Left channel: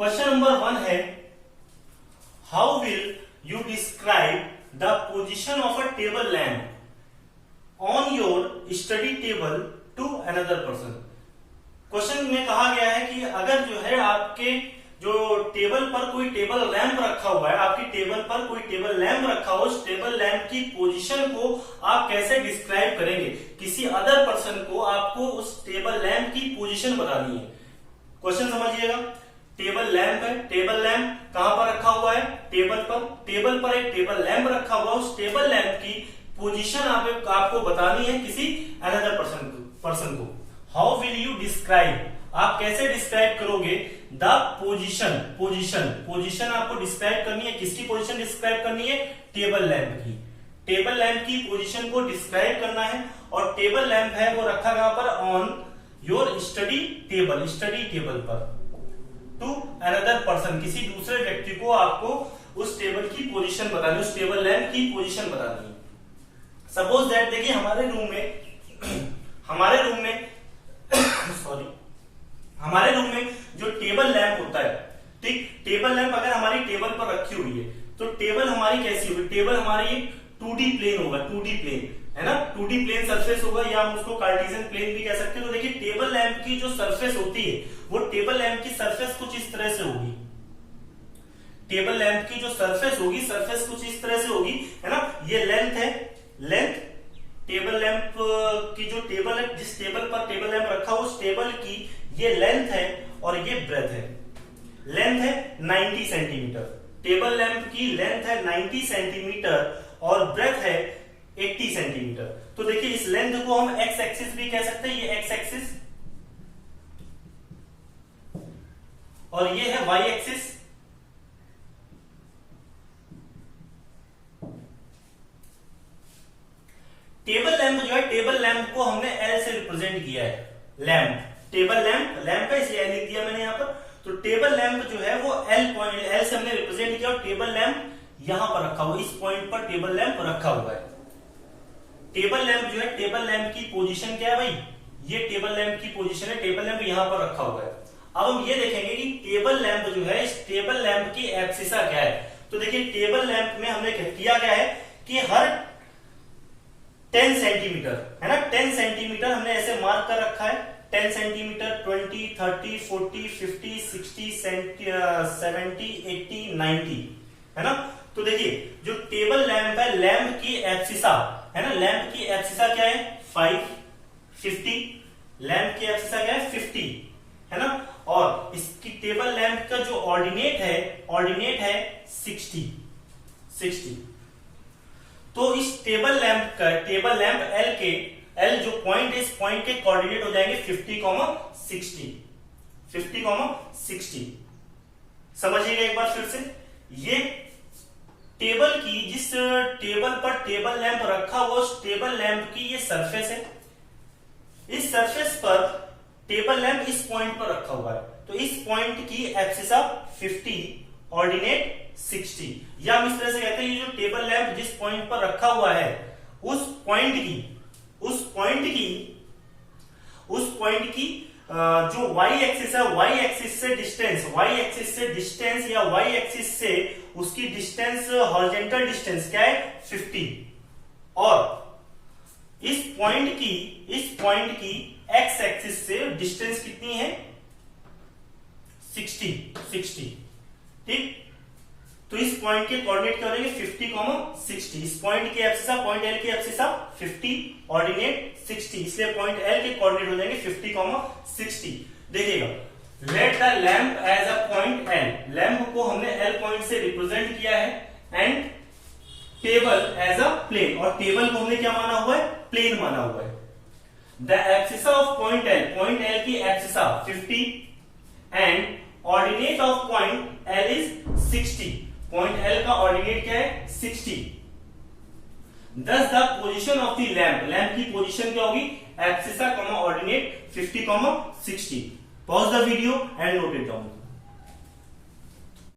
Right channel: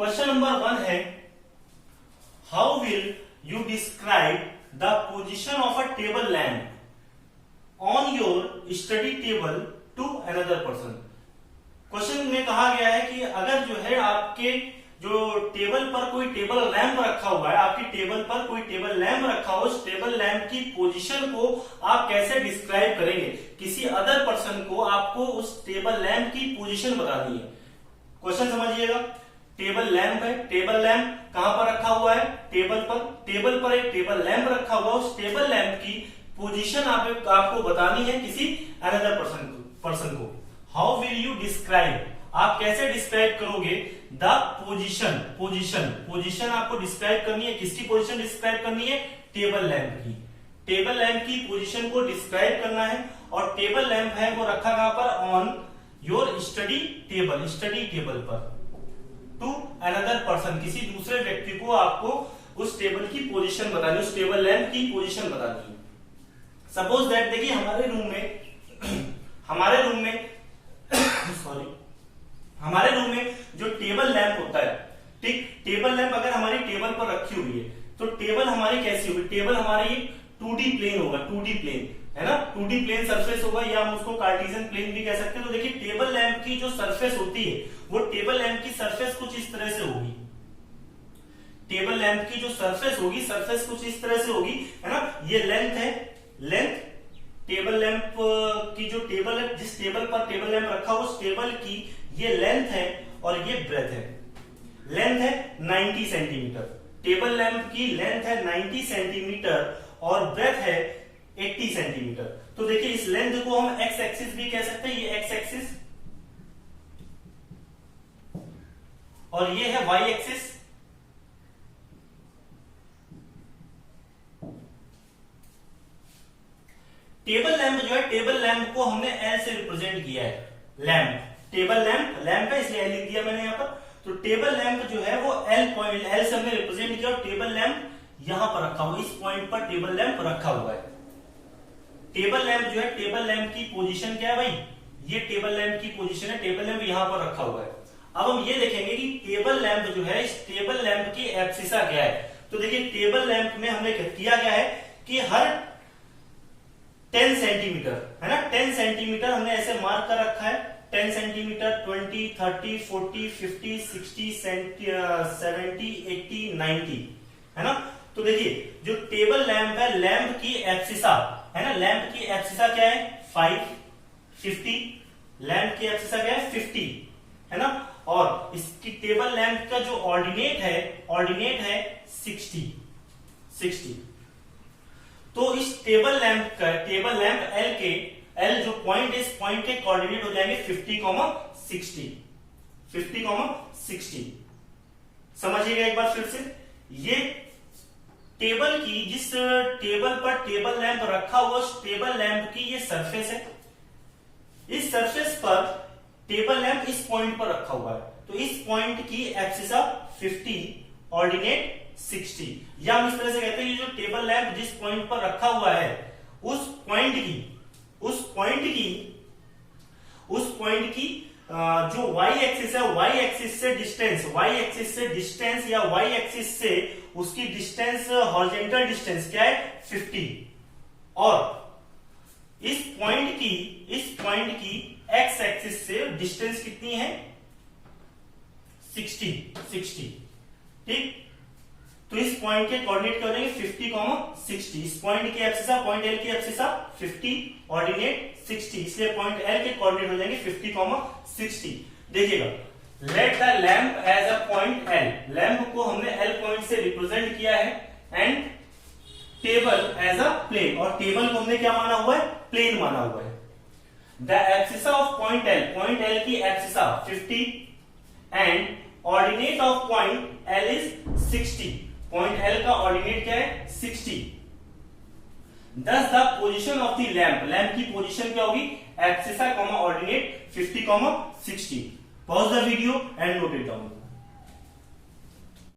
Question number 1 है, how will you describe the position of a table lamp on your study table to another person. Question में कहा गया है कि अगर जो है आपके जो टेबल पर कोई टेबल लैंप रखा हुआ है, आपकी टेबल पर कोई टेबल लैंप रखा हो, उस टेबल लैंप की पोजीशन को आप कैसे डिस्क्राइब करेंगे। किसी अदर पर्सन को आपको उस टेबल लैंप की पोजीशन बतानी है। क्वेश्चन समझिएगा, टेबल लैंप है, टेबल लैंप कहां पर रखा हुआ है, टेबल पर एक टेबल लैंप रखा हुआ, उस टेबल लैंप की पोजीशन आपको बतानी है किसी अनदर पर्सन को। हाउ विल यू डिस्क्राइब, आप कैसे डिस्क्राइब करोगे द पोजीशन आपको डिस्क्राइब करनी है। किसकी पोजीशन डिस्क्राइब करनी है, टेबल लैंप की। टेबल लैंप की पोजीशन को डिस्क्राइब करना है और टेबल लैंप है वो रखा कहां पर, ऑन योर स्टडी टेबल पर टू अनदर पर्सन, किसी दूसरे व्यक्ति को आपको उस टेबल की पोजीशन बतानी है, उस टेबल लैंप की पोजीशन बतानी है। सपोज दैट, देखिए हमारे रूम में जो टेबल लैंप होता है, ठीक, टेबल लैंप अगर हमारी टेबल पर रखी हुई है तो टेबल हमारी कैसी होगी, टेबल हमारी 2D प्लेन होगा, 2D प्लेन है ना, 2D प्लेन सरफेस होगा, या हम उसको कार्टेशियन प्लेन भी कह सकते हैं। तो देखिए टेबल लैंप की जो सरफेस होती है वो टेबल लैंप की सरफेस कुछ इस तरह से होगी। टेबल लैंप की जो सरफेस होगी, सरफेस कुछ इस तरह से होगी, है ना। ये लेंथ है, लेंथ टेबल लैंप की जो टेबल है, जिस टेबल पर टेबल लैंप रखा हो उस टेबल की ये लेंथ है और ये ब्रेथ है। लेंथ है 90 सेंटीमीटर, टेबल लैंप की लेंथ है 90 सेंटीमीटर और ब्रेथ है 80 सेंटीमीटर। तो देखिए इस लेंथ को हम एक्स एक्सिस भी कह सकते हैं, ये एक्स एक्सिस, और ये है वाई एक्सिस। टेबल लैंप जो है, टेबल लैंप को हमने एल से रिप्रेजेंट किया है। लैंप, टेबल लैंप है इसलिए एल लिख दिया मैंने यहां पर। तो टेबल लैंप जो है वो एल से हमने रिप्रेजेंट किया और टेबल लैंप यहां पर रखा हुआ, इस पॉइंट पर टेबल लैंप रखा हुआ है। टेबल लैंप जो है, टेबल लैंप की पोजीशन क्या है भाई, ये टेबल लैंप की पोजीशन है, टेबल लैंप यहां पर रखा हुआ है। अब हम ये देखेंगे कि टेबल लैंप जो है, इस टेबल लैंप की एब्सिसा क्या है। तो देखिए टेबल लैंप में हमने किया गया है कि हर 10 सेंटीमीटर है ना, 10 सेंटीमीटर हमने ऐसे मार्क कर रखा है। 10 सेंटीमीटर, 20, 30, 40, 50, 60, 70, 80, 90 है ना। तो देखिए जो टेबल लैंप है, लैंप की एब्सिसा है ना, लैंप की एब्सिसा क्या है 5, 50, लैंप की एब्सिसा क्या है 50 है ना। और इसकी टेबल लैंप का जो ऑर्डिनेट है 60। तो इस टेबल लैंप एल जो पॉइंट है, इस पॉइंट के कोऑर्डिनेट हो जाएंगे 50,60। समझिएगा एक बार फिर से, ये टेबल की, जिस टेबल पर टेबल लैंप रखा हुआ उस टेबल लैंप की ये सरफेस है। इस सरफेस पर टेबल लैंप इस पॉइंट पर रखा हुआ है, तो इस पॉइंट की एक्सिसा 50, ऑर्डिनेट 60, या हम इस तरह से कहते हैं ये जो टेबल लैंप जिस पॉइंट पर रखा हुआ है उस पॉइंट की जो वाई एक्सिस है, वाई एक्सिस से डिस्टेंस या वाई एक्सिस से उसकी डिस्टेंस, हॉरिजॉन्टल डिस्टेंस क्या है 50, और इस पॉइंट की एक्स एक्सिस से डिस्टेंस कितनी है 60, ठीक। तो इस पॉइंट के कोऑर्डिनेट करेंगे 50,60, इस पॉइंट की एब्सिसा, पॉइंट एल की एब्सिसा 50, ऑर्डिनेट 60, इसलिए पॉइंट एल के कोऑर्डिनेट हो जाएंगे 50,60। देखिएगा, let the lamp as a point L, lamp को हमने एल पॉइंट से रिप्रेजेंट किया है, and table as a plane, और टेबल को हमने क्या माना हुआ है, प्लेन माना हुआ है। The abscissa of point L की abscissa 50 and ordinate of point L is 60, point L का ऑर्डिनेट क्या है 60। Thus the position of the lamp की पोजीशन क्या होगी, abscissa, ordinate 50, 60। Pause the video and note it down.